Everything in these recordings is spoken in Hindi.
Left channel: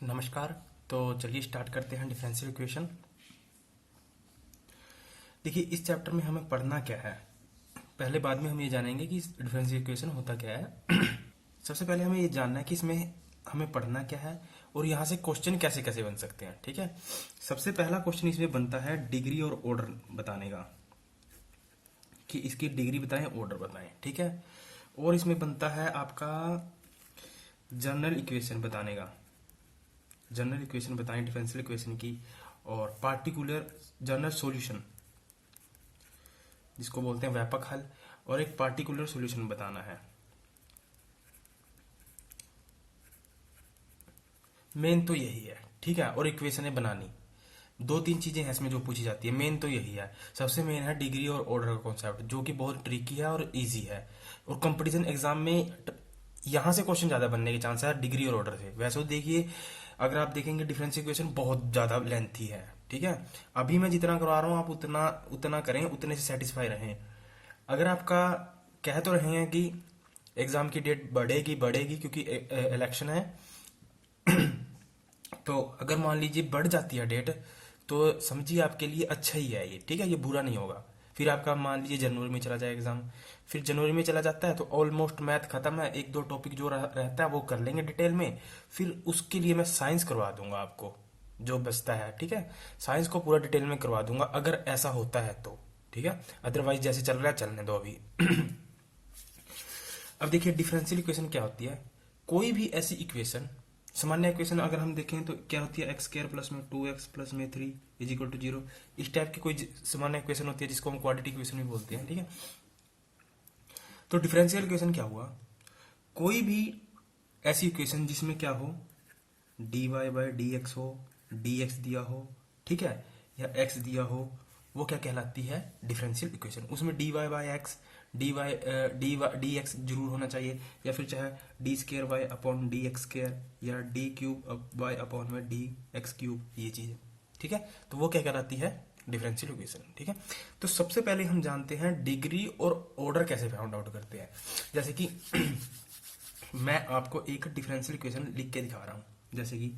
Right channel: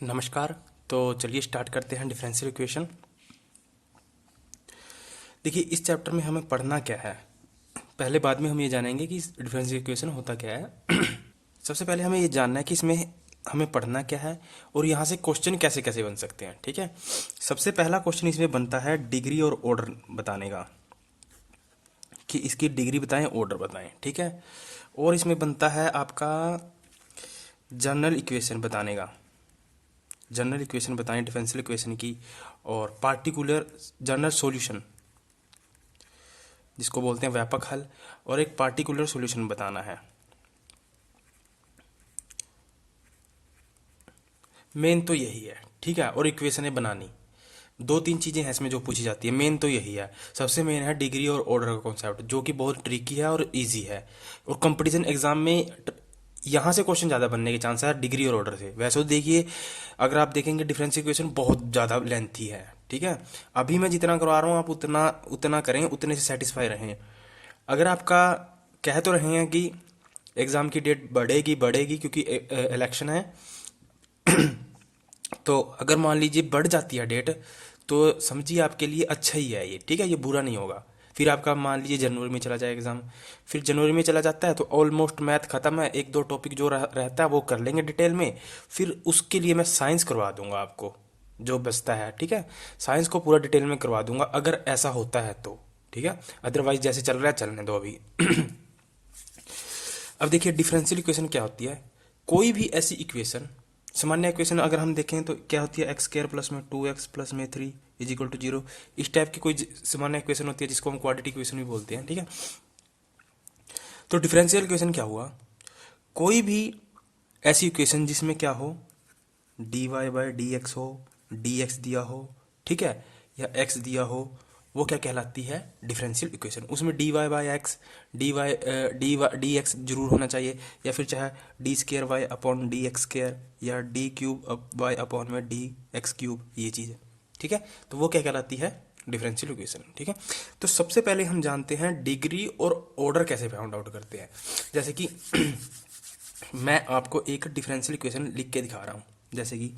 नमस्कार। तो चलिए स्टार्ट करते हैं डिफरेंशियल इक्वेशन। देखिए, इस चैप्टर में हमें पढ़ना क्या है। पहले बाद में हम ये जानेंगे कि डिफरेंशियल इक्वेशन होता क्या है। सबसे पहले हमें ये जानना है कि इसमें हमें पढ़ना क्या है और यहाँ से क्वेश्चन कैसे कैसे बन सकते हैं। ठीक है, सबसे पहला क्वेश्चन इसमें बनता है डिग्री और ऑर्डर बताने का, कि इसकी डिग्री बताएं, ऑर्डर बताएं। ठीक है, और इसमें बनता है आपका जनरल इक्वेशन बताने का, जनरल इक्वेशन बताएं डिफरेंशियल इक्वेशन की, और पार्टिकुलर जनरल सॉल्यूशन जिसको बोलते हैं व्यापक हल, और एक पार्टिकुलर सॉल्यूशन बताना है। मेन तो यही है। ठीक है, और इक्वेशनें बनानी, दो तीन चीज़ें हैं इसमें जो पूछी जाती है। मेन तो यही है, सबसे मेन है डिग्री और ऑर्डर का कॉन्सेप्ट, जो कि बहुत ट्रिकी है और इजी है। और कंपटीशन एग्जाम में यहाँ से क्वेश्चन ज़्यादा बनने के चांस है डिग्री और ऑर्डर से। वैसे तो देखिए, अगर आप देखेंगे डिफरेंशियल इक्वेशन बहुत ज़्यादा लेंथी है। ठीक है, अभी मैं जितना करवा रहा हूँ आप उतना उतना करें, उतने से सेटिस्फाई रहें। अगर आपका कह तो रहे हैं कि एग्ज़ाम की डेट बढ़ेगी बढ़ेगी क्योंकि इलेक्शन है, तो अगर मान लीजिए बढ़ जाती है डेट, तो समझिए आपके लिए अच्छा ही है ये। ठीक है, ये बुरा नहीं होगा। फिर आपका मान लीजिए जनवरी में चला जाए एग्ज़ाम, फिर जनवरी में चला जाता है तो ऑलमोस्ट मैथ ख़त्म है, एक दो टॉपिक जो रहता है वो कर लेंगे डिटेल में। फिर उसके लिए मैं साइंस करवा दूंगा आपको, जो बचता है। ठीक है, साइंस को पूरा डिटेल में करवा दूंगा अगर ऐसा होता है तो। ठीक है, अदरवाइज जैसे चल रहा है चलने दो अभी। अब देखिए, डिफरेंशियल इक्वेशन क्या होती है। कोई भी ऐसी इक्वेशन, सामान्य इक्वेशन अगर हम देखें तो क्या होती है, एक्स स्क्वायर प्लस में 2x प्लस में 3 इज इक्वल टू 0। इस टाइप की कोई सामान्य इक्वेशन होती है जिसको हम क्वाड्रेटिक इक्वेशन भी बोलते हैं। ठीक है, तो डिफरेंशियल इक्वेशन क्या हुआ, कोई भी ऐसी इक्वेशन जिसमें क्या हो, dy बाई डी एक्स हो, dx दिया हो, ठीक है, या x दिया हो, वो क्या कहलाती है, डिफरेंशियल इक्वेशन। उसमें dy by x, d x जरूर होना चाहिए, या फिर चाहे d square y upon d x square, या डी क्यूब वाई अपॉन में डी एक्स क्यूब, ये चीज़। ठीक है, तो वो क्या कहलाती है, डिफरेंशियल इक्वेशन। ठीक है, तो सबसे पहले हम जानते हैं डिग्री और ऑर्डर कैसे फाइंड आउट करते हैं। जैसे कि मैं आपको एक डिफरेंशियल इक्वेशन लिख के दिखा रहा हूँ। जैसे कि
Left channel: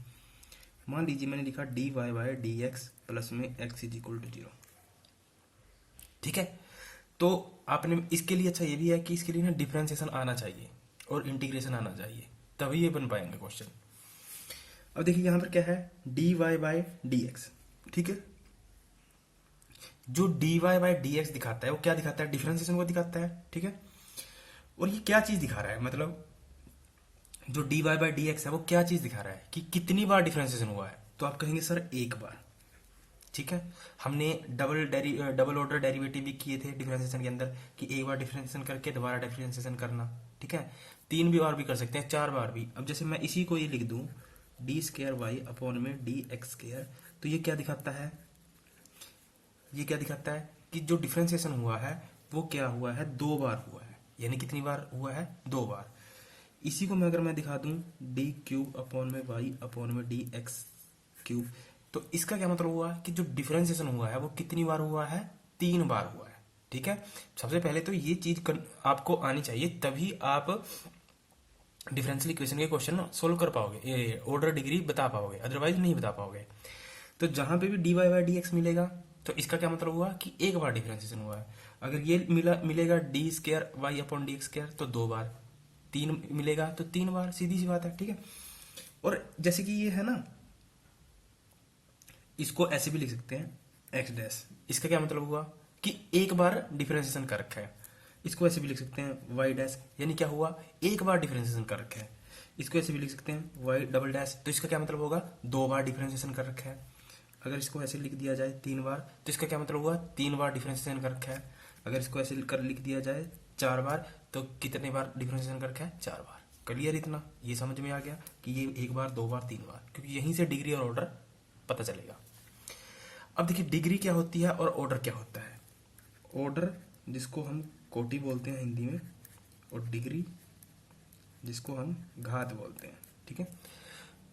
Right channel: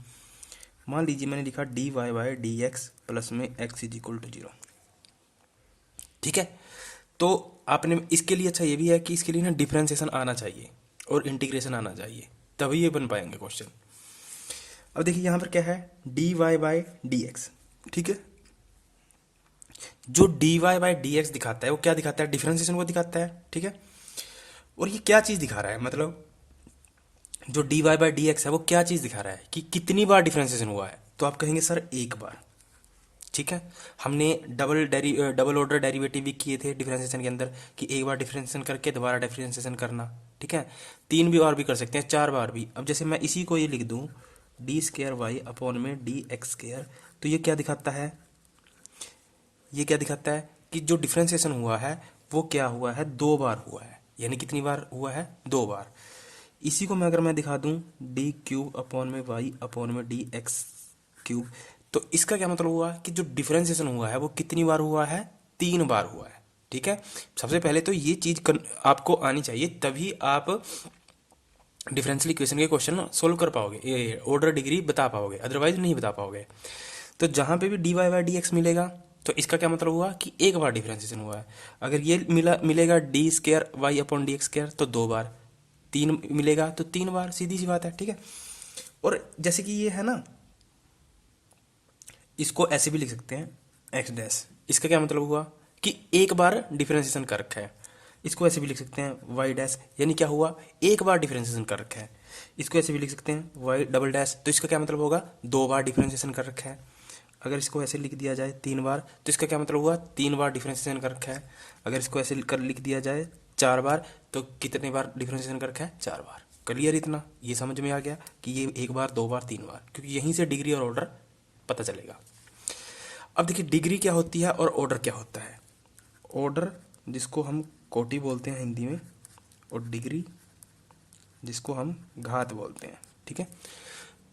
मान लीजिए मैंने लिखा d Y by D x plus में एक्स इज इक्वल टू 0। ठीक है, तो आपने इसके लिए, अच्छा ये भी है कि इसके लिए ना डिफरेंशिएशन आना चाहिए और इंटीग्रेशन आना चाहिए, तभी ये बन पाएंगे क्वेश्चन। अब देखिए यहाँ पर क्या है, d Y by D x. ठीक है, जो d Y by D x दिखाता है वो क्या दिखाता है, डिफरेंशिएशन को दिखाता है। ठीक है, और ये क्या चीज़ दिखा रहा है, मतलब जो d Y by D x है वो क्या चीज़ दिखा रहा है कि कितनी बार डिफरेंशिएशन हुआ है। तो आप कहेंगे सर एक बार। ठीक है, हमने डबल ऑर्डर डेरिवेटिव भी किए थे डिफरेंशिएशन के अंदर, कि एक बार डिफरेंशिएशन करके दोबारा डिफरेंशिएशन करना। ठीक है, तीन भी और भी कर सकते हैं, चार बार भी। अब जैसे मैं इसी को ये लिख दूं, डी स्केयर वाई अपॉन में डी एक्स स्केयर, तो ये क्या दिखाता है, ये क्या दिखाता है कि जो डिफरेंशिएशन हुआ है वो क्या हुआ है, दो बार हुआ है। यानी कितनी बार हुआ है, दो बार। इसी को मैं अगर मैं दिखा दूं डी क्यूब अपॉन में वाई अपॉन में डी एक्स क्यूब, तो इसका क्या मतलब हुआ कि जो डिफरेंशिएशन हुआ है वो कितनी बार हुआ है, तीन बार हुआ है। ठीक है, सबसे पहले तो ये चीज़ आपको आनी चाहिए, तभी आप डिफरेंशियल इक्वेशन के क्वेश्चन सोल्व कर पाओगे, ये ऑर्डर डिग्री बता पाओगे, अदरवाइज नहीं बता पाओगे। तो जहाँ पे भी d Y by D x मिलेगा तो इसका क्या मतलब हुआ कि एक बार डिफरेंशिएशन हुआ है। अगर ये मिलेगा d square y upon d x square, तो दो बार। तीन मिलेगा तो तीन बार, सीधी सी बात है। ठीक है, और जैसे कि ये है ना, इसको ऐसे भी लिख सकते हैं एक्स डैश, इसका क्या मतलब हुआ कि एक बार डिफरेंशिएशन कर रखा है। इसको ऐसे भी लिख सकते हैं वाई डैश, यानी क्या हुआ, एक बार डिफरेंशिएशन कर रखा है। इसको ऐसे भी लिख सकते हैं वाई डबल डैश, तो इसका क्या मतलब होगा, दो बार डिफरेंशिएशन कर रखा है। अगर इसको ऐसे लिख दिया जाए तीन बार, तो इसका क्या मतलब हुआ, तीन बार डिफरेंशिएशन कर रखा है। अगर इसको ऐसे कर लिख दिया जाए चार बार, तो कितने बार डिफरेंशिएशन कर रखा है, चार बार। क्लियर, इतना ये समझ में आ गया कि ये एक बार, दो बार, तीन बार, क्योंकि यहीं से डिग्री और ऑर्डर पता चलेगा। अब देखिए, डिग्री क्या होती है और ऑर्डर क्या होता है। ऑर्डर जिसको हम कोटि बोलते हैं हिंदी में, और डिग्री जिसको हम घात बोलते हैं। ठीक है,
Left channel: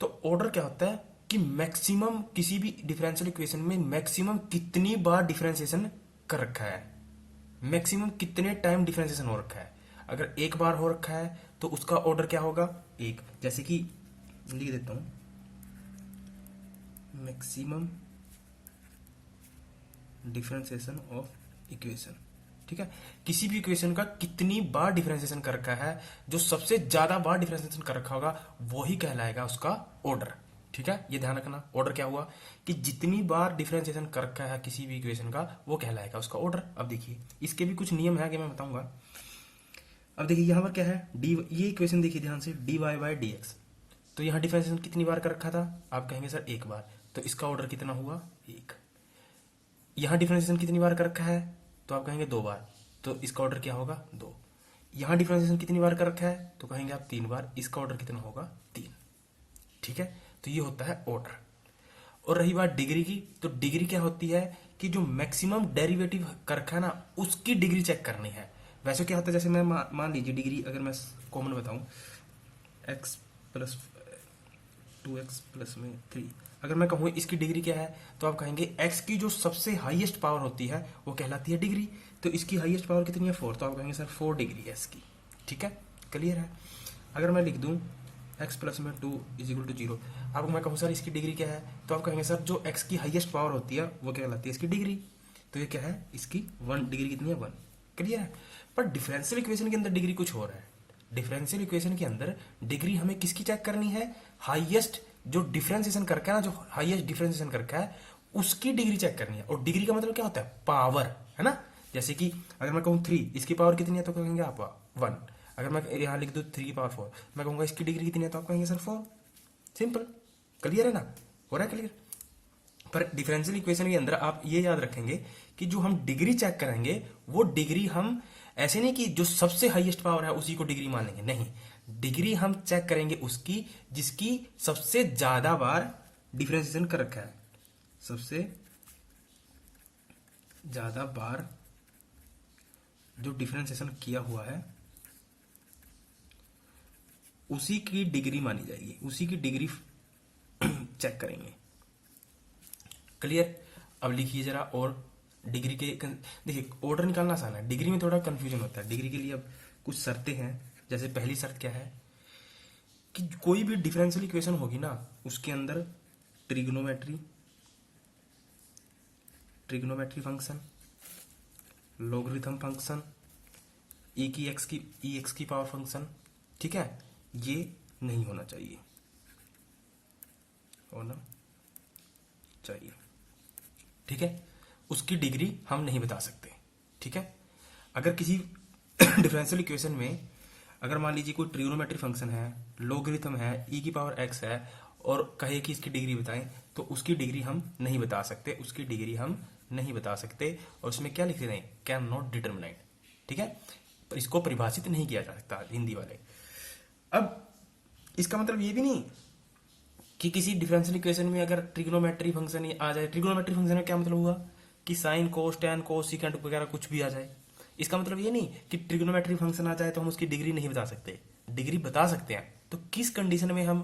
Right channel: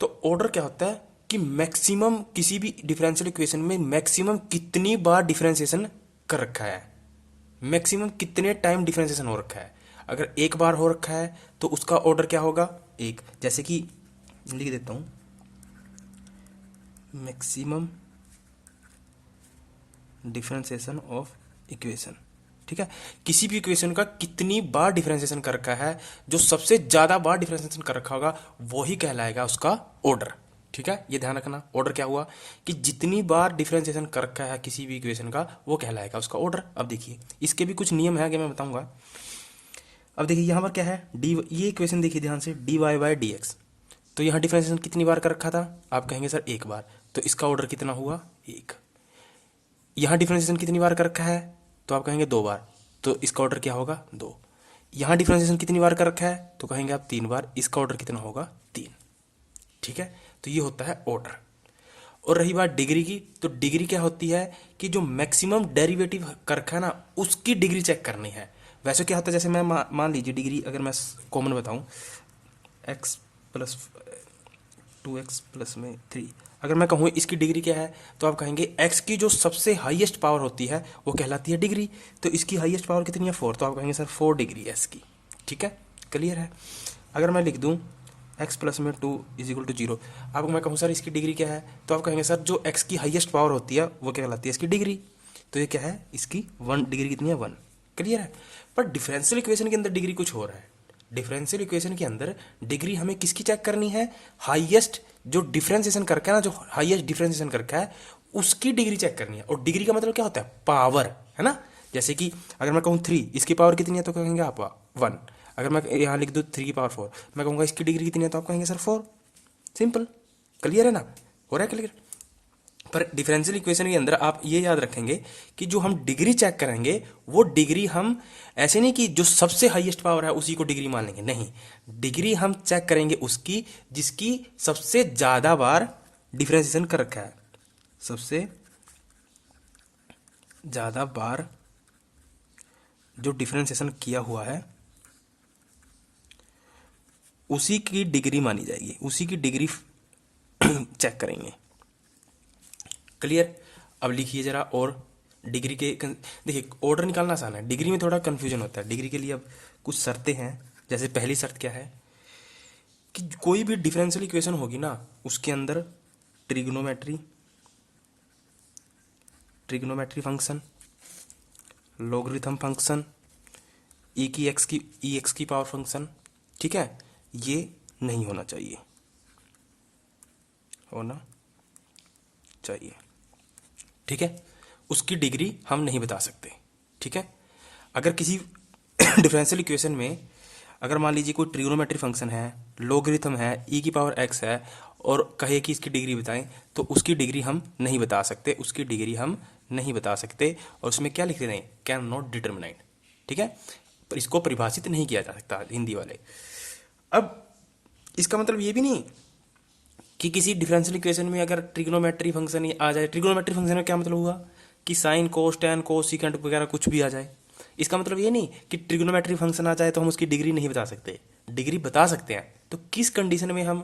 तो ऑर्डर क्या होता है कि मैक्सिमम किसी भी डिफरेंशियल इक्वेशन में मैक्सिमम कितनी बार डिफरेंशिएशन कर रखा है, मैक्सिमम कितने टाइम डिफरेंशिएशन हो रखा है। अगर एक बार हो रखा है तो उसका ऑर्डर क्या होगा, एक। जैसे कि लिख देता हूँ, मैक्सिमम डिफरेंशिएशन ऑफ इक्वेशन। ठीक है, किसी भी इक्वेशन का कितनी बार डिफरेंशिएशन कर रखा है, जो सबसे ज्यादा बार डिफरेंशिएशन कर रखा होगा वही कहलाएगा उसका ऑर्डर। ठीक है, ये ध्यान रखना, ऑर्डर क्या हुआ कि जितनी बार डिफरेंशिएशन कर रखा है किसी भी इक्वेशन का वो कहलाएगा उसका ऑर्डर। अब देखिए इसके भी कुछ नियम है आगे मैं बताऊंगा। अब देखिए यहाँ पर क्या है, डी, ये इक्वेशन देखिए ध्यान से, d Y by D x. तो यहाँ डिफरेंशिएशन कितनी बार कर रखा था, आप कहेंगे सर एक बार, तो इसका ऑर्डर कितना हुआ, एक। यहाँ डिफरेंशिएशन कितनी बार कर रखा है, तो आप कहेंगे दो बार, तो इसका ऑर्डर क्या होगा, दो। यहाँ डिफरेंशिएशन कितनी बार कर रखा है, तो कहेंगे आप तीन बार, इसका ऑर्डर कितना होगा, तीन। ठीक है, तो ये होता है ऑर्डर। और रही बात डिग्री की, तो डिग्री क्या होती है कि जो मैक्सिमम डेरिवेटिव कर रखा है ना उसकी डिग्री चेक करनी है। वैसे क्या होता है, जैसे मैं मान लीजिए डिग्री अगर मैं कॉमन बताऊं, एक्स प्लस 2x प्लस में 3, अगर मैं कहूँ इसकी डिग्री क्या है, तो आप कहेंगे x की जो सबसे हाईएस्ट पावर होती है वो कहलाती है डिग्री। तो इसकी हाईएस्ट पावर कितनी है, 4, तो आप कहेंगे सर 4 डिग्री है इसकी। ठीक है, क्लियर है। अगर मैं लिख दूँ x प्लस में 2 इज इक्वल टू 0, अब मैं कहूँ सर इसकी डिग्री क्या है, तो आप कहेंगे सर जो x की हाईएस्ट पावर होती है वो क्या कहलाती है इसकी डिग्री। तो ये क्या है, इसकी 1 डिग्री कितनी है, 1। क्लियर है। पर डिफरेंशियल इक्वेशन के अंदर डिग्री कुछ हो रहा है। डिफरेंशियल इक्वेशन के अंदर डिग्री हमें किसकी चेक करनी है, हाईएस्ट जो डिफरेंशिएशन करके ना, जो हाईएस्ट डिफरेंशिएशन करके है उसकी डिग्री चेक करनी है। और डिग्री का मतलब क्या होता है, पावर, है ना। जैसे कि अगर मैं कहूँ 3, इसकी पावर कितनी है, तो कहेंगे आप 1। अगर मैं यहाँ लिख दूँ 3 की पावर 4, मैं कहूँगा इसकी डिग्री कितनी है, तो आप कहेंगे सर 4। सिंपल, क्लियर है ना, हो रहा है क्लियर। पर डिफरेंशियल इक्वेशन के अंदर आप ये याद रखेंगे कि जो हम डिग्री चेक करेंगे वो डिग्री हम ऐसे नहीं कि जो सबसे हाईएस्ट पावर है उसी को डिग्री मान लेंगे, नहीं। डिग्री हम चेक करेंगे उसकी जिसकी सबसे ज्यादा बार डिफरेंशिएशन कर रखा है, सबसे ज्यादा बार जो डिफरेंशिएशन किया हुआ है उसी की डिग्री मानी जाएगी, उसी की डिग्री चेक करेंगे। क्लियर। अब लिखिए जरा, और डिग्री के देखिए ऑर्डर निकालना आसान है, डिग्री में थोड़ा कंफ्यूजन होता है। डिग्री के लिए अब कुछ शर्तें हैं। जैसे पहली शर्त क्या है कि कोई भी डिफरेंशियल इक्वेशन होगी ना उसके अंदर ट्रिग्नोमेट्री फंक्शन, लॉगरिथम फंक्शन, ई एक्स की पावर फंक्शन, ठीक है, ये नहीं होना चाहिए, होना चाहिए। ठीक है, उसकी डिग्री हम नहीं बता सकते। ठीक है, अगर किसी डिफरेंशियल इक्वेशन में अगर मान लीजिए कोई ट्रिग्नोमेट्री फंक्शन है, लॉगरिथम है, ई की पावर एक्स है, और कहे कि इसकी डिग्री बताएं, तो उसकी डिग्री हम नहीं बता सकते, उसकी डिग्री हम नहीं बता सकते। और उसमें क्या लिख रहे हैं, कैन नॉट डिटरमिनाइड। ठीक है, पर इसको परिभाषित नहीं किया जा सकता हिंदी वाले। अब इसका मतलब ये भी नहीं कि किसी डिफरेंशियल इक्वेशन में अगर ट्रिग्नोमेट्री फंक्शन आ जाए, ट्रिग्नोमेट्री फंक्शन का क्या मतलब हुआ कि साइन कोस टेन कोस सीकेंट वगैरह कुछ भी आ जाए। इसका मतलब ये नहीं कि ट्रिग्नोमेट्री फंक्शन आ जाए तो हम उसकी डिग्री नहीं बता सकते, डिग्री बता सकते हैं। तो किस कंडीशन में हम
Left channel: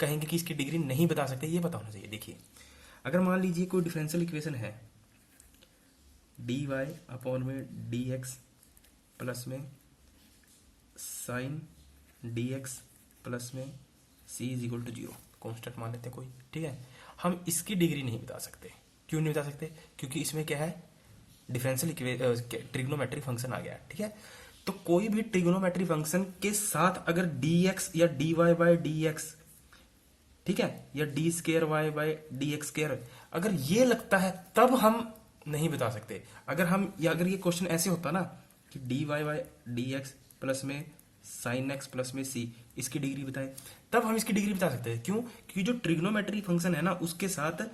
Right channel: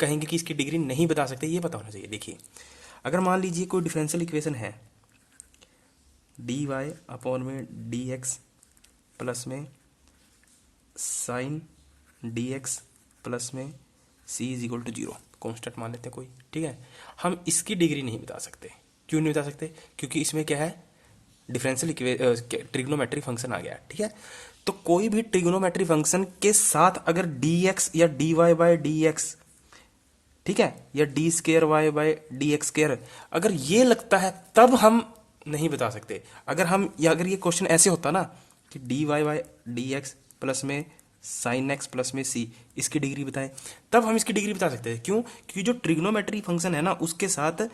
कहेंगे कि इसकी डिग्री नहीं बता सकते, ये पता होना चाहिए। देखिए अगर मान लीजिए कोई डिफरेंशियल इक्वेशन है डी वाई अपॉन में डी एक्स प्लस में साइन डी एक्स प्लस में सी इज इक्वल टू 0, कॉन्स्टेंट मान लेते हैं कोई। ठीक है, हम इसकी डिग्री नहीं बता सकते। क्यों नहीं बता सकते, क्योंकि इसमें क्या है, डिफरेंशियल ट्रिग्नोमेट्री फंक्शन आ गया। ठीक है, तो कोई भी ट्रिग्नोमेट्री फंक्शन के साथ अगर डी एक्स या d Y by D x, ठीक है, या d square y by D x square अगर ये लगता है तब हम नहीं बता सकते। अगर हम या अगर ये क्वेश्चन ऐसे होता ना कि d Y by D x plus में साइन एक्स प्लस में सी, इसकी डिग्री बताएं, तब हम इसकी डिग्री बता सकते हैं। क्यों, क्योंकि जो ट्रिग्नोमेट्री फंक्शन है ना उसके साथ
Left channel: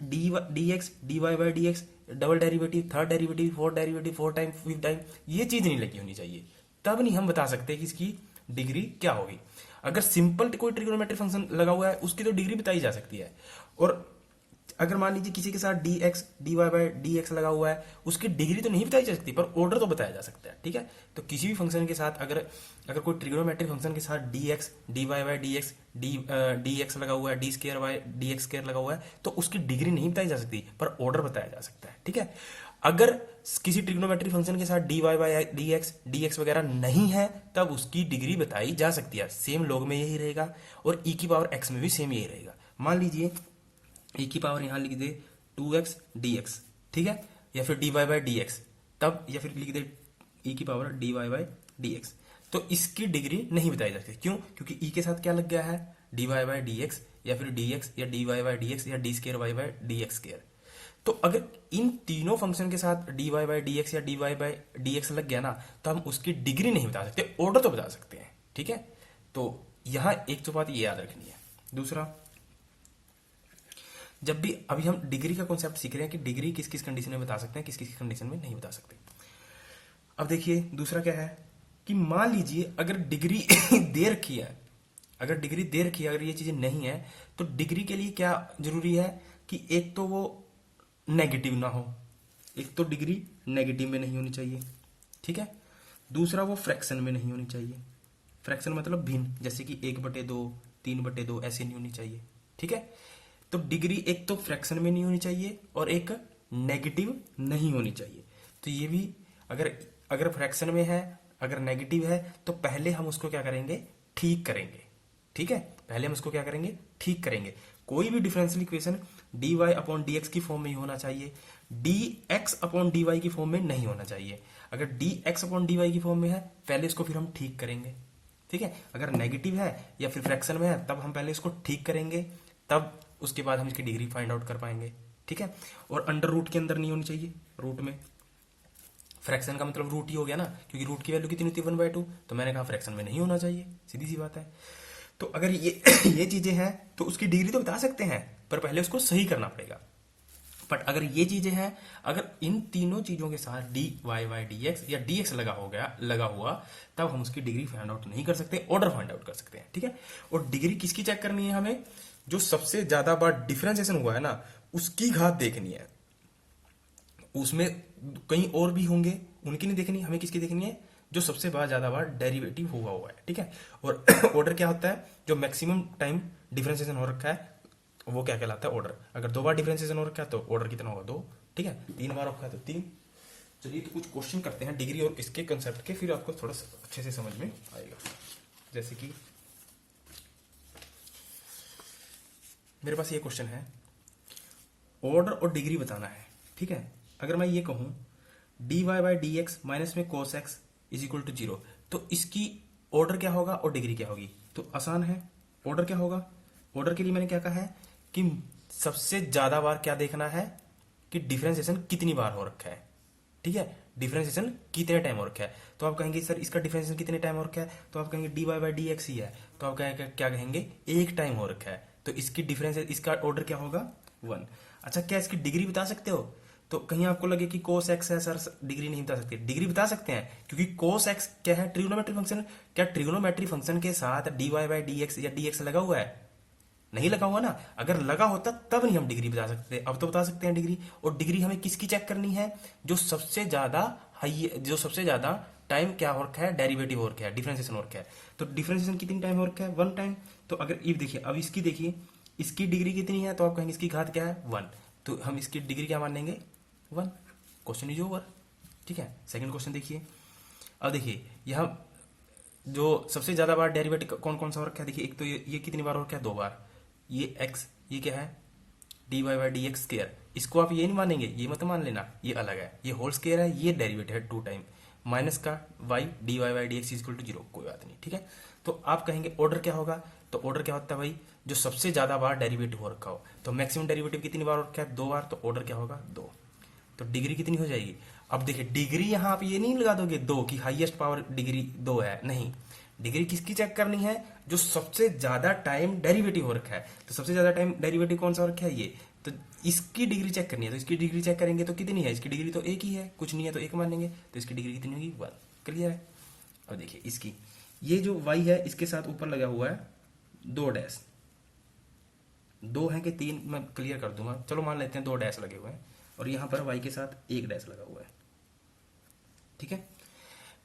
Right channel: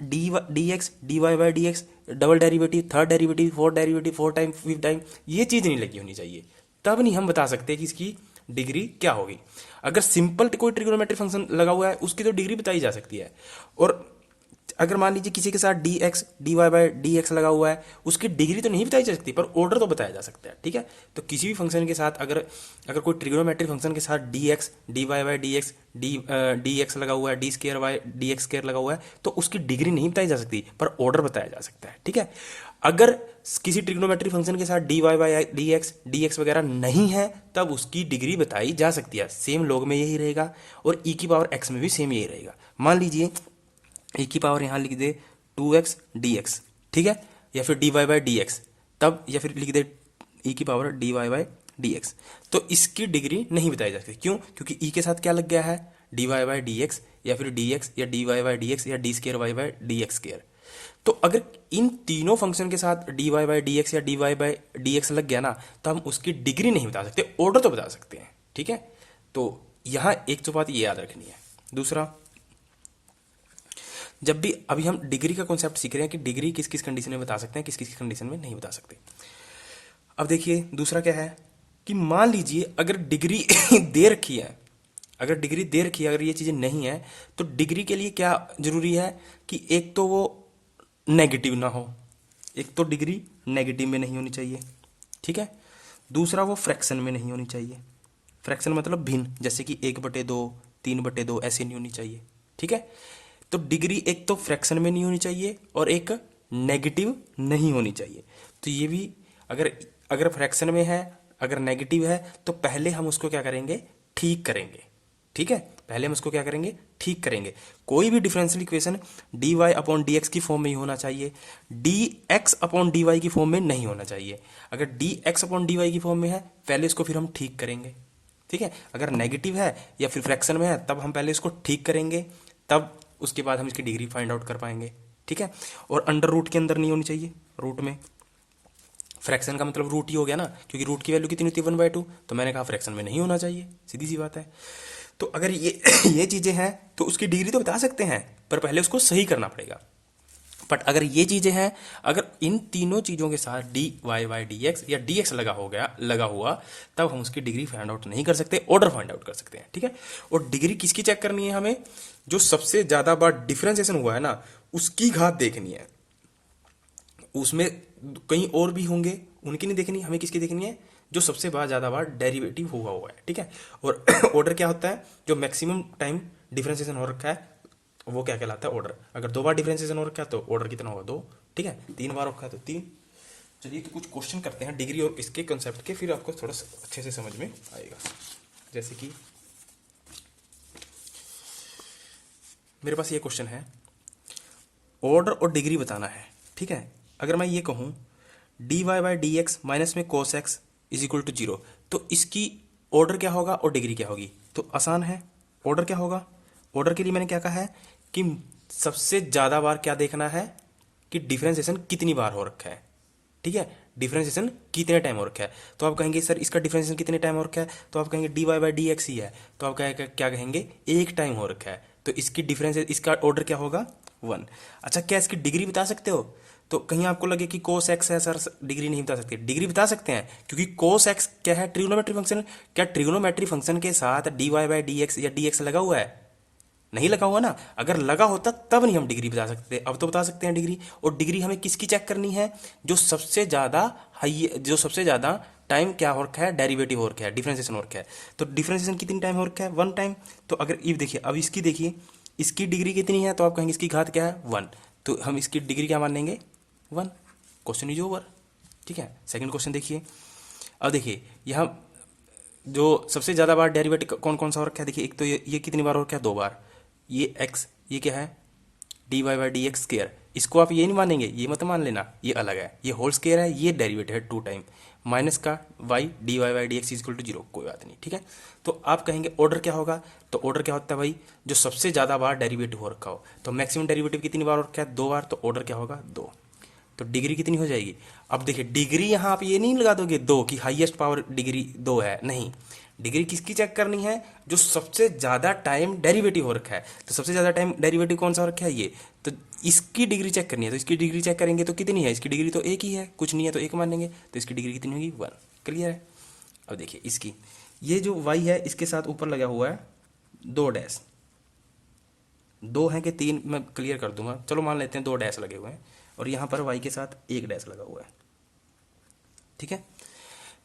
d x d Y by D x double derivative, third derivative, fourth derivative, fourth time, fifth time, ये चीज़ नहीं लगी होनी चाहिए, तब नहीं हम बता सकते कि इसकी डिग्री क्या होगी। अगर सिंपल कोई ट्रिग्नोमेट्री फंक्शन लगा हुआ है उसकी तो डिग्री बताई जा सकती है। और अगर मान लीजिए किसी के साथ d x d Y by D x लगा हुआ है उसकी डिग्री तो नहीं बताई जा सकती, पर ऑर्डर तो बताया जा सकता है। ठीक है, तो किसी भी फंक्शन के साथ अगर कोई ट्रिग्नोमेट्रिक फंक्शन के साथ d x d Y by D x d x लगा हुआ है, d square y d x square लगा हुआ है, तो उसकी डिग्री नहीं बताई जा सकती, पर ऑर्डर बताया जा सकता है। ठीक है, अगर किसी ट्रिग्नोमेट्री फंक्शन के साथ D Y by D x वगैरह नहीं है तब उसकी डिग्री बताई जा सकती है। सेम लॉग में यही रहेगा और ई की पावर एक्स में भी सेम यही रहेगा। मान लीजिए e की पावर यहाँ लिख दे 2x dx, ठीक है, या फिर dy बाई डी एक्स, तब या फिर लिख दे e की power dy by D x. तो इसकी डिग्री नहीं बताई जाती, क्यों? क्योंकि e के साथ क्या लग गया है, dy बाई डी एक्स, या फिर dx या dy बाई डी एक्स या d square y by D x square. तो अगर इन तीनों फंक्शन के साथ dy बाई डी एक्स या dy बाई डी एक्स लग गया ना, तो हम उसकी डिग्री नहीं बता सकते, ऑर्डर तो बता सकते हैं, ठीक है। तो यहाँ एक तो बात ये याद रखनी है। दूसरा, जब भी अभी हम डिग्री का कॉन्सेप्ट सीख रहे हैं कि डिग्री किस किस कंडीशन में बता सकते हैं, किस किस कंडीशन में नहीं बता सकते। अब देखिए दूसरा क्या है कि मान लीजिए अगर डिग्री दे रखी है, अगर डिग्री दे रखी है, अगर ये चीज़ें नहीं है, तो डिग्री के लिए क्या जरूरी है कि एक तो वो नेगेटिव ना हो, एक तो डिग्री नेगेटिव में नहीं होनी चाहिए, ठीक है। दूसरा वो फ्रैक्शन में नहीं होनी चाहिए, फ्रैक्शन मतलब भिन्न, जैसे कि 1/2, 3/2 ऐसे नहीं होनी चाहिए, ठीक है। तो डिग्री एक तो फ्रैक्शन में नहीं होनी चाहिए और एक नेगेटिव नहीं होनी चाहिए। तो ये भी अगर अगर फ्रैक्शन में है, अगर नेगेटिव है, तो पहले हम उसको क्या करेंगे, ठीक करेंगे, ठीक है। पहले हम उसको क्या करेंगे, ठीक करेंगे। कोई भी differential equation d y upon d x की फॉर्म में ही होना चाहिए, d x upon d y की फॉर्म में नहीं होना चाहिए। अगर d x upon d y की फॉर्म में है, पहले इसको फिर हम ठीक करेंगे, ठीक है। अगर नेगेटिव है या फिर फ्रैक्शन में है, तब हम पहले इसको ठीक करेंगे, तब उसके बाद हम इसकी डिग्री फाइंड आउट कर पाएंगे, ठीक है। और अंडर रूट के अंदर नहीं होनी चाहिए, रूट में। फ्रैक्शन का मतलब रूट ही हो गया ना, क्योंकि रूट की वैल्यू कितनी होती है 1/2, तो मैंने कहा फ्रैक्शन में नहीं होना चाहिए, सीधी सी बात है। तो अगर ये ये चीज़ें हैं तो उसकी डिग्री तो बता सकते हैं, पर पहले उसको सही करना पड़ेगा। बट अगर ये चीज़ें हैं, अगर इन तीनों चीज़ों के साथ D Y by D x या डी एक्स लगा हुआ, तब हम उसकी डिग्री फाइंड आउट नहीं कर सकते, ऑर्डर फाइंड आउट कर सकते हैं, ठीक है। और डिग्री किसकी चेक करनी है हमें, जो सबसे ज़्यादा बार डिफ्रेंसिएशन हुआ है ना, उसकी घात देखनी है। उसमें कहीं और भी होंगे, उनकी नहीं देखनी, हमें किसकी देखनी है, जो सबसे ज़्यादा बार डेरिवेटिव हुआ है, ठीक है। और ऑर्डर क्या होता है, जो मैक्सिमम टाइम डिफ्रेंसिएशन हो रखा है वो क्या कहलाता है, ऑर्डर। अगर 2 बार डिफ्रेंसिएशन हो रखा है तो ऑर्डर कितना होगा, 2, ठीक है। 3 बार रखा है तो 3। चलिए तो कुछ क्वेश्चन करते हैं डिग्री और इसके कंसेप्ट के, फिर आपको थोड़ा अच्छे से समझ में आएगा। जैसे कि मेरे पास ये क्वेश्चन है, ऑर्डर और डिग्री बताना है, ठीक है। अगर मैं ये कहूँ D Y by D X minus में cos X is equal to 0, तो इसकी ऑर्डर क्या होगा और डिग्री क्या होगी। तो आसान है, ऑर्डर क्या होगा। ऑर्डर के लिए मैंने क्या कहा है कि सबसे ज़्यादा बार क्या देखना है कि डिफरेंशिएशन कितनी बार हो रखा है, ठीक है। डिफरेंशिएशन कितने टाइम हो रखा है, तो आप कहेंगे सर इसका डिफरेंशिएशन कितने टाइम हो रखा है, तो आप कहेंगे D Y by D X ही है, तो आप क्या कहेंगे, एक टाइम हो रखा है, तो इसकी डिफरेंस, इसका ऑर्डर क्या होगा, 1। अच्छा, क्या इसकी डिग्री बता सकते हो। तो कहीं आपको लगे कि कोस एक्स है सर, डिग्री नहीं बता सकते, डिग्री बता सकते हैं, क्योंकि कोस एक्स क्या है, ट्रिग्नोमेट्री फंक्शन। क्या ट्रिग्नोमेट्री फंक्शन के साथ D Y by D x या डी एक्स लगा हुआ है, नहीं लगा हुआ ना। अगर लगा होता तब नहीं हम डिग्री बता सकते, अब तो बता सकते हैं डिग्री। और डिग्री हमें किसकी चेक करनी है, जो सबसे ज़्यादा हाई, जो सबसे ज़्यादा टाइम क्या हो रखा है, डेरिवेटिव हो रखा है, डिफरेंशिएशन हो रखा है। तो डिफरेंशिएशन कितनी टाइम हो रखा है, 1 टाइम। तो अगर ये देखिए, अब इसकी देखिए, इसकी डिग्री कितनी है, तो आप कहेंगे इसकी घात क्या है, 1, तो हम इसकी डिग्री क्या मान लेंगे, 1। क्वेश्चन इज ओवर, ठीक है। सेकंड क्वेश्चन देखिए। अब देखिए यहाँ जो सबसे ज़्यादा बार डेरिवेटिव कौन कौन सा हो रखा है, देखिए एक तो ये कितनी बार हो रखा है, 2 बार। ये x, ये क्या है, d Y by D x square, इसको आप ये नहीं मानेंगे, ये मत मान लेना, ये अलग है, ये होल स्केयर है, ये डेरिवेटिव है 2 टाइम, माइनस का y d Y by D x equal to 0, कोई बात नहीं, ठीक है। तो आप कहेंगे ऑर्डर क्या होगा, तो ऑर्डर क्या होता है भाई, जो सबसे ज़्यादा बार डेरिवेटिव हो रखा हो। तो मैक्सिमम डेरिवेटिव कितनी बार हो रखा है, 2 बार, तो ऑर्डर क्या होगा, 2। तो डिग्री कितनी हो जाएगी। अब देखिए डिग्री यहाँ आप ये नहीं लगा दोगे 2 की हाईएस्ट पावर डिग्री 2 है, नहीं। डिग्री किसकी चेक करनी है, जो सबसे ज़्यादा टाइम डेरिवेटिव हो रखा है। तो सबसे ज़्यादा टाइम डेरिवेटिव कौन सा हो रखा है, ये। तो इसकी डिग्री चेक करनी है, तो इसकी डिग्री चेक करेंगे तो कितनी है, इसकी डिग्री तो 1 ही है, कुछ नहीं है तो 1 मानेंगे, तो इसकी डिग्री कितनी होगी, 1। क्लियर है। अब देखिए इसकी, ये जो y है इसके साथ ऊपर लगा हुआ है 2 डैश, 2 है कि 3 मैं क्लियर कर दूंगा, चलो मान लेते हैं 2 डैश लगे हुए हैं, और यहाँ पर y के साथ 1 डैश लगा हुआ है, ठीक है।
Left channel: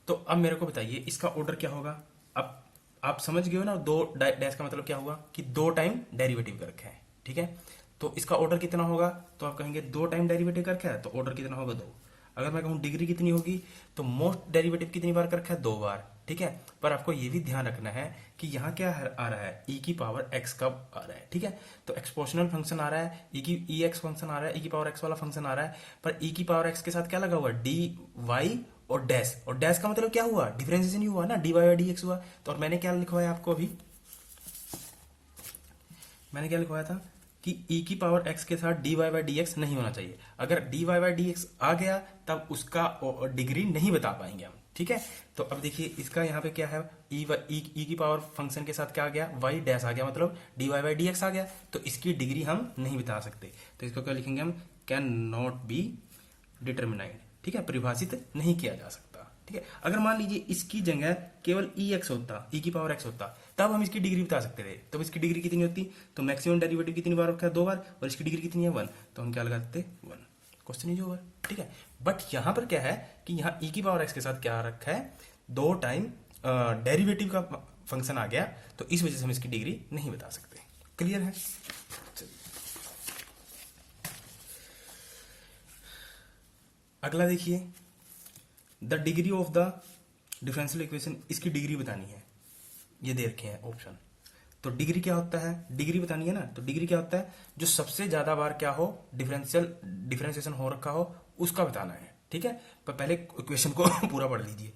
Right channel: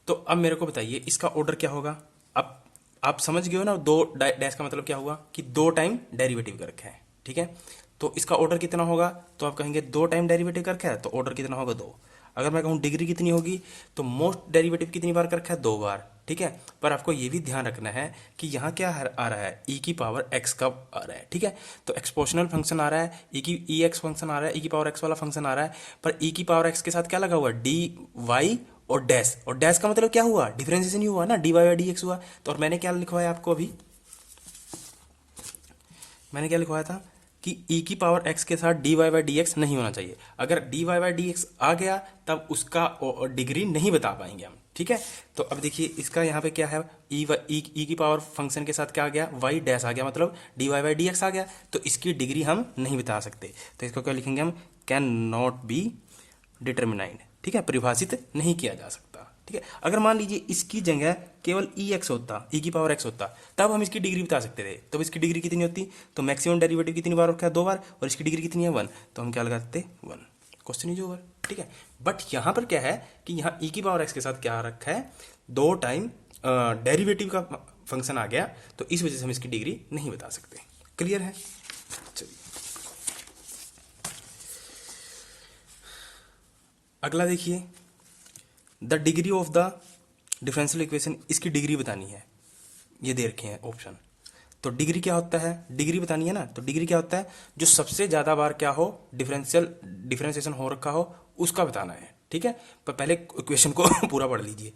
तो अब मेरे को बताइए इसका ऑर्डर क्या होगा। अब आप समझ गए हो ना, 2 डैश का मतलब क्या हुआ कि 2 टाइम डेरिवेटिव कर रखा है, ठीक है। तो इसका ऑर्डर कितना होगा, तो आप कहेंगे 2 टाइम डेरिवेटिव कर रखा है, तो ऑर्डर कितना होगा, 2। अगर मैं कहूँ डिग्री कितनी होगी, तो मोस्ट डेरिवेटिव कितनी बार कर रखा है, 2 बार, ठीक है। पर आपको ये भी ध्यान रखना है कि यहाँ क्या आ रहा है, e की पावर x का आ रहा है, ठीक है। तो एक्सपोनेंशियल फंक्शन आ रहा है, ई एक्स फंक्शन आ रहा है, e की पावर x वाला फंक्शन आ रहा है, पर e की पावर x के साथ क्या लगा हुआ है, डी वाई और डैश का मतलब क्या हुआ, डिफरेंशिएशन ही हुआ ना, d Y by D x हुआ। तो और मैंने क्या लिखवाया आपको अभी, मैंने क्या लिखवाया था कि e की पावर x के साथ D Y by D x नहीं होना चाहिए। अगर D Y by D X आ गया तब उसका डिग्री नहीं बता पाएंगे हम, ठीक है। तो अब देखिए इसका यहाँ पे क्या है, ई की पावर फंक्शन के साथ क्या आ गया, वाई डैश आ गया, मतलब D Y by D X आ गया, तो इसकी डिग्री हम नहीं बता सकते। तो इसको क्या लिखेंगे हम, कैन नॉट बी डिटरमिनाइड, ठीक है, परिभाषित नहीं किया जा सकता, ठीक है। अगर मान लीजिए इसकी जगह केवल ई एक्स होता, ई की पावर एक्स होता, तब हम इसकी डिग्री बता सकते थे। तब इसकी डिग्री कितनी होती, तो मैक्सिमम डेरिवेटिव कितनी बार रखा है, 2 बार, और इसकी डिग्री कितनी है 1, तो हम क्या लगा सकते 1, क्वेश्चन इज ओवर, ठीक है। बट यहाँ पर क्या है कि यहाँ ई की पावर एक्स के साथ क्या रखा है, 2 टाइम डेरिवेटिव का फंक्शन आ गया, तो इस वजह से हम इसकी डिग्री नहीं बता सकते। क्लियर है। चलिए अगला देखिए, the degree of the differential equation, इसकी डिग्री बतानी है, ये दे रखे हैं ऑप्शन। तो डिग्री क्या होता है, डिग्री बतानी है ना, तो डिग्री क्या होता है, जो सबसे ज्यादा बार क्या हो, डिफरेंशिएशन हो रखा हो उसका बताना है, ठीक है। पर पहले इक्वेशन को पूरा पढ़ लीजिए।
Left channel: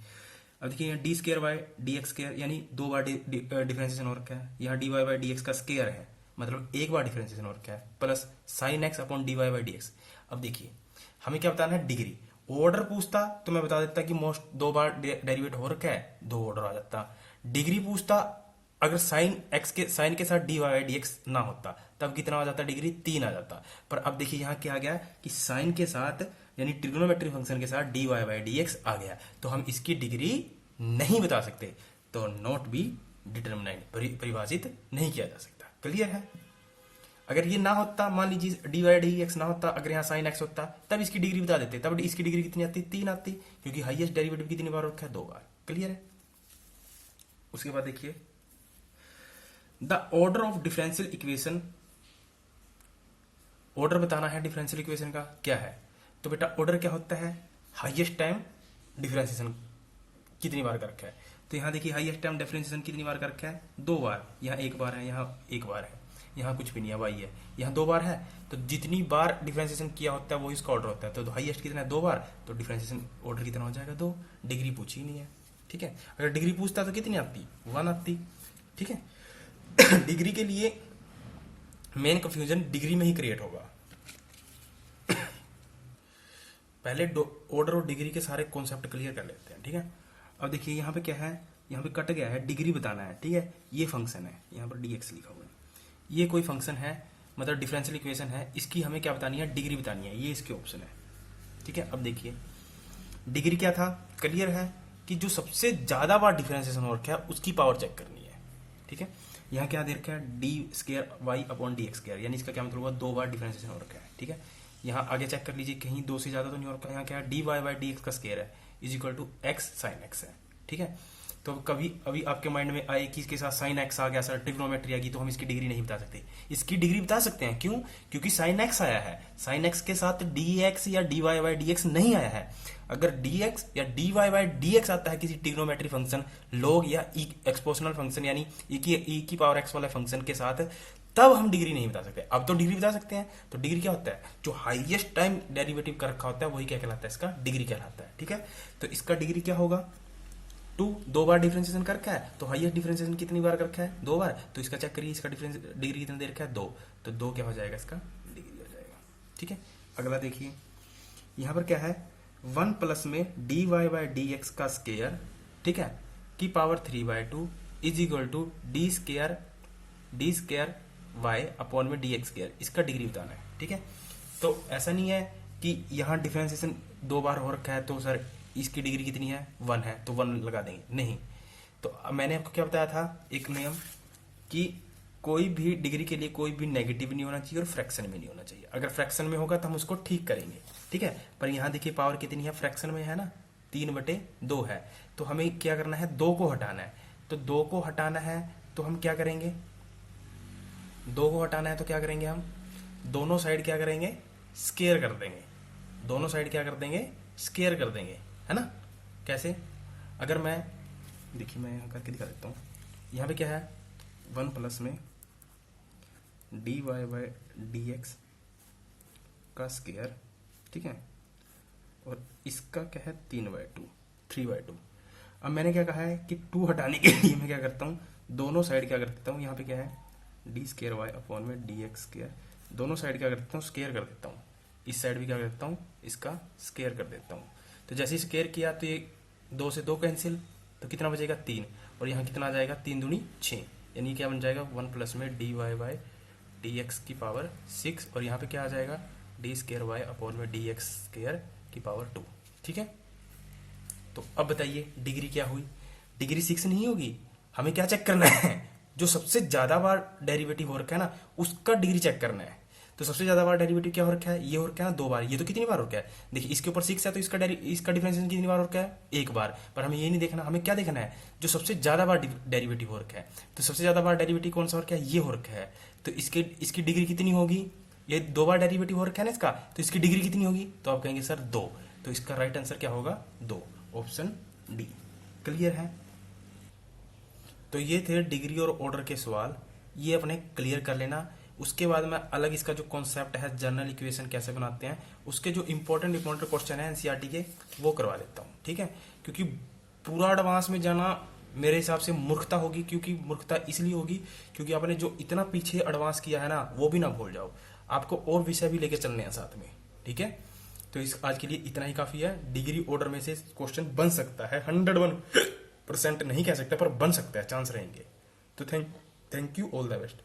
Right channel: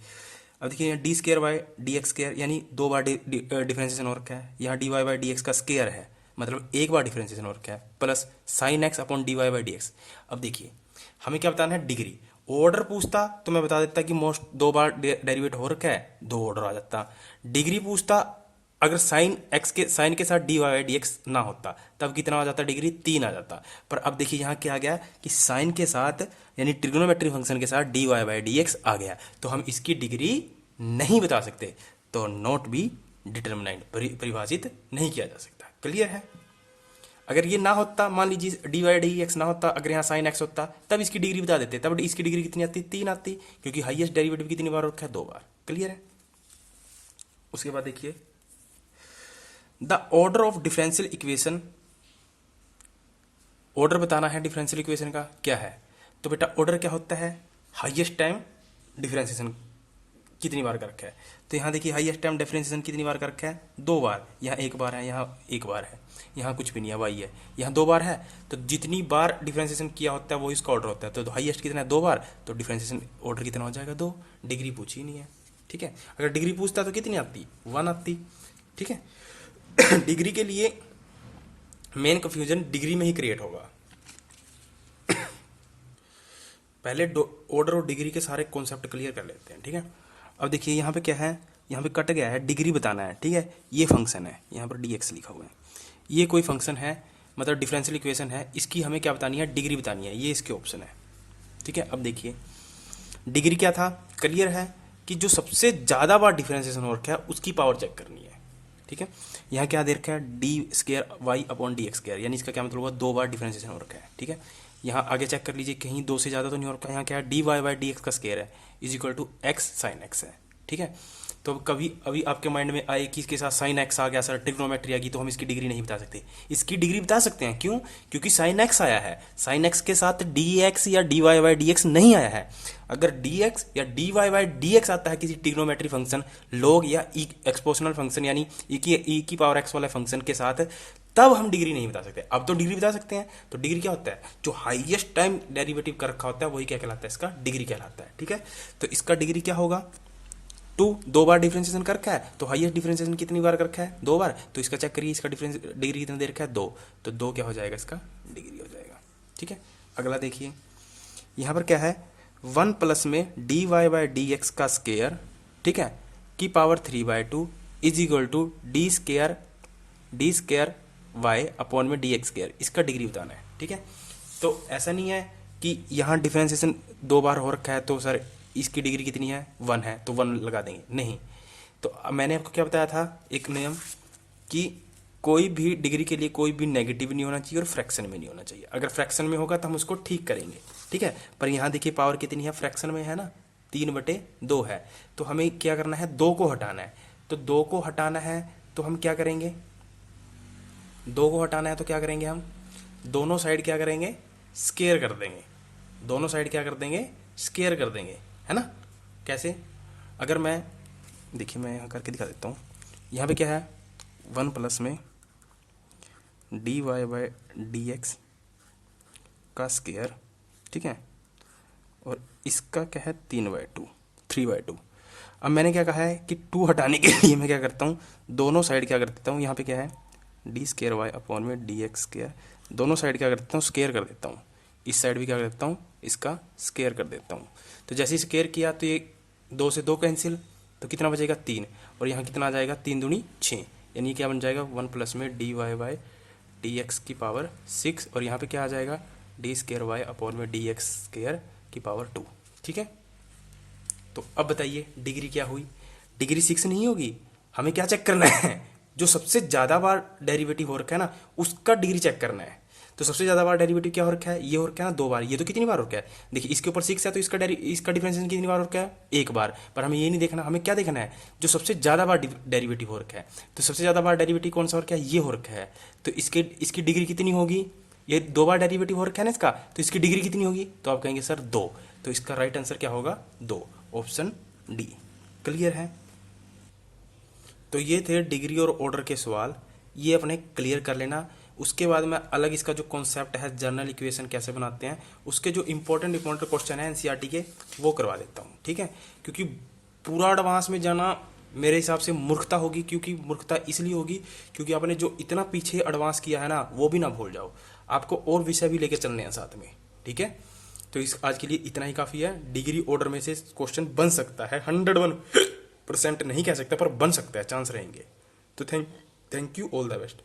अब देखिए d square by d x square, यानी 2 बार डिफरेंशिएशन हो रखा है। यहाँ d Y by D x का स्केयर है, मतलब 1 बार डिफरेंशिएशन हो रखा है, plus sine x upon d Y by D x. अब देखिए हमें क्या बताना है, डिग्री। ऑर्डर पूछता तो मैं बता देता कि मोस्ट 2 बार डेरिवेट हो रखा है, 2 ऑर्डर आ जाता। डिग्री पूछता, अगर साइन के साथ D Y by D x ना होता तब कितना आ जाता, डिग्री 3 आ जाता। पर अब देखिए यहाँ क्या आ गया कि साइन के साथ यानी ट्रिग्नोमेट्री फंक्शन के साथ D Y by D X आ गया, तो हम इसकी डिग्री नहीं बता सकते, तो नॉट बी डिटरमिनाइड, परिभाषित नहीं किया जा सकता। क्लियर है। अगर ये ना होता, मान लीजिए डी वाई डी एक्स ना होता, अगर यहाँ साइन एक्स होता तब इसकी डिग्री बता देते, तब इसकी डिग्री कितनी आती, 3 आती, क्योंकि हाईएस्ट डेरिवेटिव कितनी बार रखा है, 2 बार। क्लियर है। उसके बाद देखिए the order of differential equation, order बताना है डिफरेंशियल इक्वेशन का क्या है, तो बेटा ऑर्डर क्या होता है, हाईएस्ट टाइम डिफरेंशिएशन कितनी बार कर रखा है। तो यहाँ देखिए हाईएस्ट टाइम डिफरेंशिएशन कितनी बार कर रखा है, 2 बार। यहाँ 1 बार है, यहाँ 1 बार है, यहाँ कुछ भी नहीं है, वाई है, यहाँ 2 बार है। तो जितनी बार डिफरेंशिएशन किया होता है वो इसका ऑर्डर होता है। तो हाईएस्ट कितना है, 2 बार, तो डिफरेंशिएशन ऑर्डर कितना हो जाएगा, 2। डिग्री पूछी नहीं है, ठीक है। अगर डिग्री पूछता तो कितनी आती, 1 आती, ठीक है। डिग्री के लिए मेन कंफ्यूजन डिग्री में ही क्रिएट होगा। पहले ऑर्डर और डिग्री के सारे कॉन्सेप्ट क्लियर कर लेते हैं, ठीक है। अब देखिए यहाँ पे क्या है, यहाँ पे कट गया है, डिग्री बताना है, ठीक है। ये फंक्शन है, यहाँ पर डी एक्स लिखा हुआ है, ये कोई फंक्शन है, मतलब डिफरेंशियल इक्वेशन है, इसकी हमें क्या बतानी है, डिग्री बतानी है, ये इसके ऑप्शन है, ठीक है। अब देखिए डिग्री क्या था, क्लियर है कि जो सबसे ज़्यादा बार डिफरेंशिएशन हो रखा है उसकी पावर चेक करनी है, ठीक है। यहाँ क्या दे रखा है, d square y upon d x square, यानी इसका क्या मतलब हुआ, 2 बार डिफरेंशिएशन हो रखा है, ठीक है। यहाँ आगे चेक कर लीजिए, कहीं 2 से ज़्यादा तो नहीं हो रखा। यहाँ क्या है, d Y by D x का स्केयर है, is equal to x sine x है, ठीक है। तो कभी अभी आपके माइंड में आए कि इसके साथ साइन एक्स आ गया सर, ट्रिग्नोमेट्री आ गई, तो हम इसकी डिग्री नहीं बता सकते। इसकी डिग्री बता सकते हैं, क्यों, क्योंकि साइन एक्स आया है, साइन एक्स के साथ डी एक्स या d Y by D x नहीं आया है। अगर डी एक्स या d Y by D x आता है किसी ट्रिग्नोमेट्री फंक्शन, लॉग या एक्सपोनेंशियल फंक्शन यानी ई की पावर एक्स वाले फंक्शन के साथ, तब हम डिग्री नहीं बता सकते। अब तो डिग्री बता सकते हैं। तो डिग्री क्या होता है, जो हाईएस्ट टाइम डेरिवेटिव कर रखा होता है वही क्या कहलाता है, इसका डिग्री कहलाता है, ठीक है। तो इसका डिग्री क्या होगा, 2 बार डिफरेंशिएशन कर रखा है, तो हाईएस्ट डिफरेंशिएशन कितनी बार कर रखा है, 2 बार। तो इसका चेक करिए, इसका डिग्री कितनी दे रखा है, 2, तो 2 क्या हो जाएगा, इसका डिग्री हो जाएगा, ठीक है। अगला देखिए यहाँ पर क्या है, 1 प्लस में d Y by D x का स्केयर, ठीक है, की power 3/2 is equal to d square y upon में डी एक्स स्केयर, इसका डिग्री बताना है, ठीक है। तो ऐसा नहीं है कि यहाँ डिफरेंशिएशन 2 बार हो रखा है तो सर इसकी डिग्री कितनी है, 1 है, तो 1 लगा देंगे, नहीं। तो मैंने आपको क्या बताया था, एक नियम कि कोई भी डिग्री के लिए कोई भी नेगेटिव नहीं होना चाहिए और फ्रैक्शन में नहीं होना चाहिए। अगर फ्रैक्शन में होगा तो हम उसको ठीक करेंगे, ठीक है। पर यहाँ देखिए पावर कितनी है, फ्रैक्शन में है ना, 3/2 है। तो हमें क्या करना है, 2 को हटाना है। तो 2 को हटाना है तो हम क्या करेंगे, 2 को हटाना है तो क्या करेंगे, हम दोनों साइड क्या करेंगे, स्केयर कर देंगे। दोनों साइड क्या कर देंगे, स्केयर कर देंगे, है ना। कैसे, अगर मैं देखिए मैं यहाँ करके दिखा देता हूँ। यहाँ पे क्या है, 1 प्लस में dy बाई dx का स्केयर, ठीक है, और इसका क्या है 3/2। अब मैंने क्या कहा है कि 2 हटाने के लिए मैं क्या करता हूँ, दोनों साइड क्या कर देता हूँ, यहाँ पे क्या है डी स्केयर वाई अपॉन में डी एक्स स्केयर, दोनों साइड क्या कर देता हूँ स्केयर कर देता हूँ, इस साइड भी क्या कर देता हूँ इसका स्केयर कर देता हूँ। तो जैसे ही स्केयर किया तो ये 2 से 2 कैंसिल, तो कितना बचेगा 3, और यहाँ कितना आ जाएगा 3 दूनी 6, यानी क्या बन जाएगा 1 प्लस में d Y by D x की पावर 6, और यहाँ पे क्या आ जाएगा डी स्केयर वाई अपॉन में डी एक्स स्केयर की पावर 2। ठीक है, तो अब बताइए डिग्री क्या हुई, डिग्री 6 नहीं होगी, हमें क्या चेक करना है, जो सबसे ज़्यादा बार डेरिवेटिव हो रखा है ना उसका डिग्री चेक करना है। तो सबसे ज़्यादा बार डेरिवेटिव क्या हो रखा है, ये हो रखा है ना 2 बार, ये तो कितनी बार हो रखा है, देखिए इसके ऊपर 6 है तो इसका डिफरेंशिएशन कितनी बार हो रखा है 1 बार, पर हमें ये नहीं देखना, हमें क्या देखना है जो सबसे ज़्यादा बार डेरिवेटिव हो रखा है। तो सबसे ज़्यादा बार डेरिवेटिव कौन सा हो रखा है, ये हो रखा है, तो इसकी डिग्री कितनी होगी, ये 2 बार डेरिवेटिव हो रखा है ना इसका, तो इसकी डिग्री कितनी होगी, तो आप कहेंगे सर 2, तो इसका राइट आंसर क्या होगा 2, ऑप्शन डी। क्लियर है, तो ये थे डिग्री और ऑर्डर के सवाल, ये अपने क्लियर कर लेना। उसके बाद मैं अलग इसका जो कॉन्सेप्ट है जनरल इक्वेशन कैसे बनाते हैं, उसके जो इंपॉर्टेंट क्वेश्चन है एनसीईआरटी के वो करवा देता हूँ, ठीक है, क्योंकि पूरा एडवांस में जाना मेरे हिसाब से मूर्खता होगी, क्योंकि मूर्खता इसलिए होगी क्योंकि आपने जो इतना पीछे एडवांस किया है ना वो भी ना भूल जाओ, आपको और विषय भी लेके चलने हैं साथ में, ठीक है। तो इस आज के लिए इतना ही काफ़ी है, डिग्री ऑर्डर में से क्वेश्चन बन सकता है, 101% नहीं कह सकते पर बन सकता है, चांस रहेंगे। तो thank you, all the best.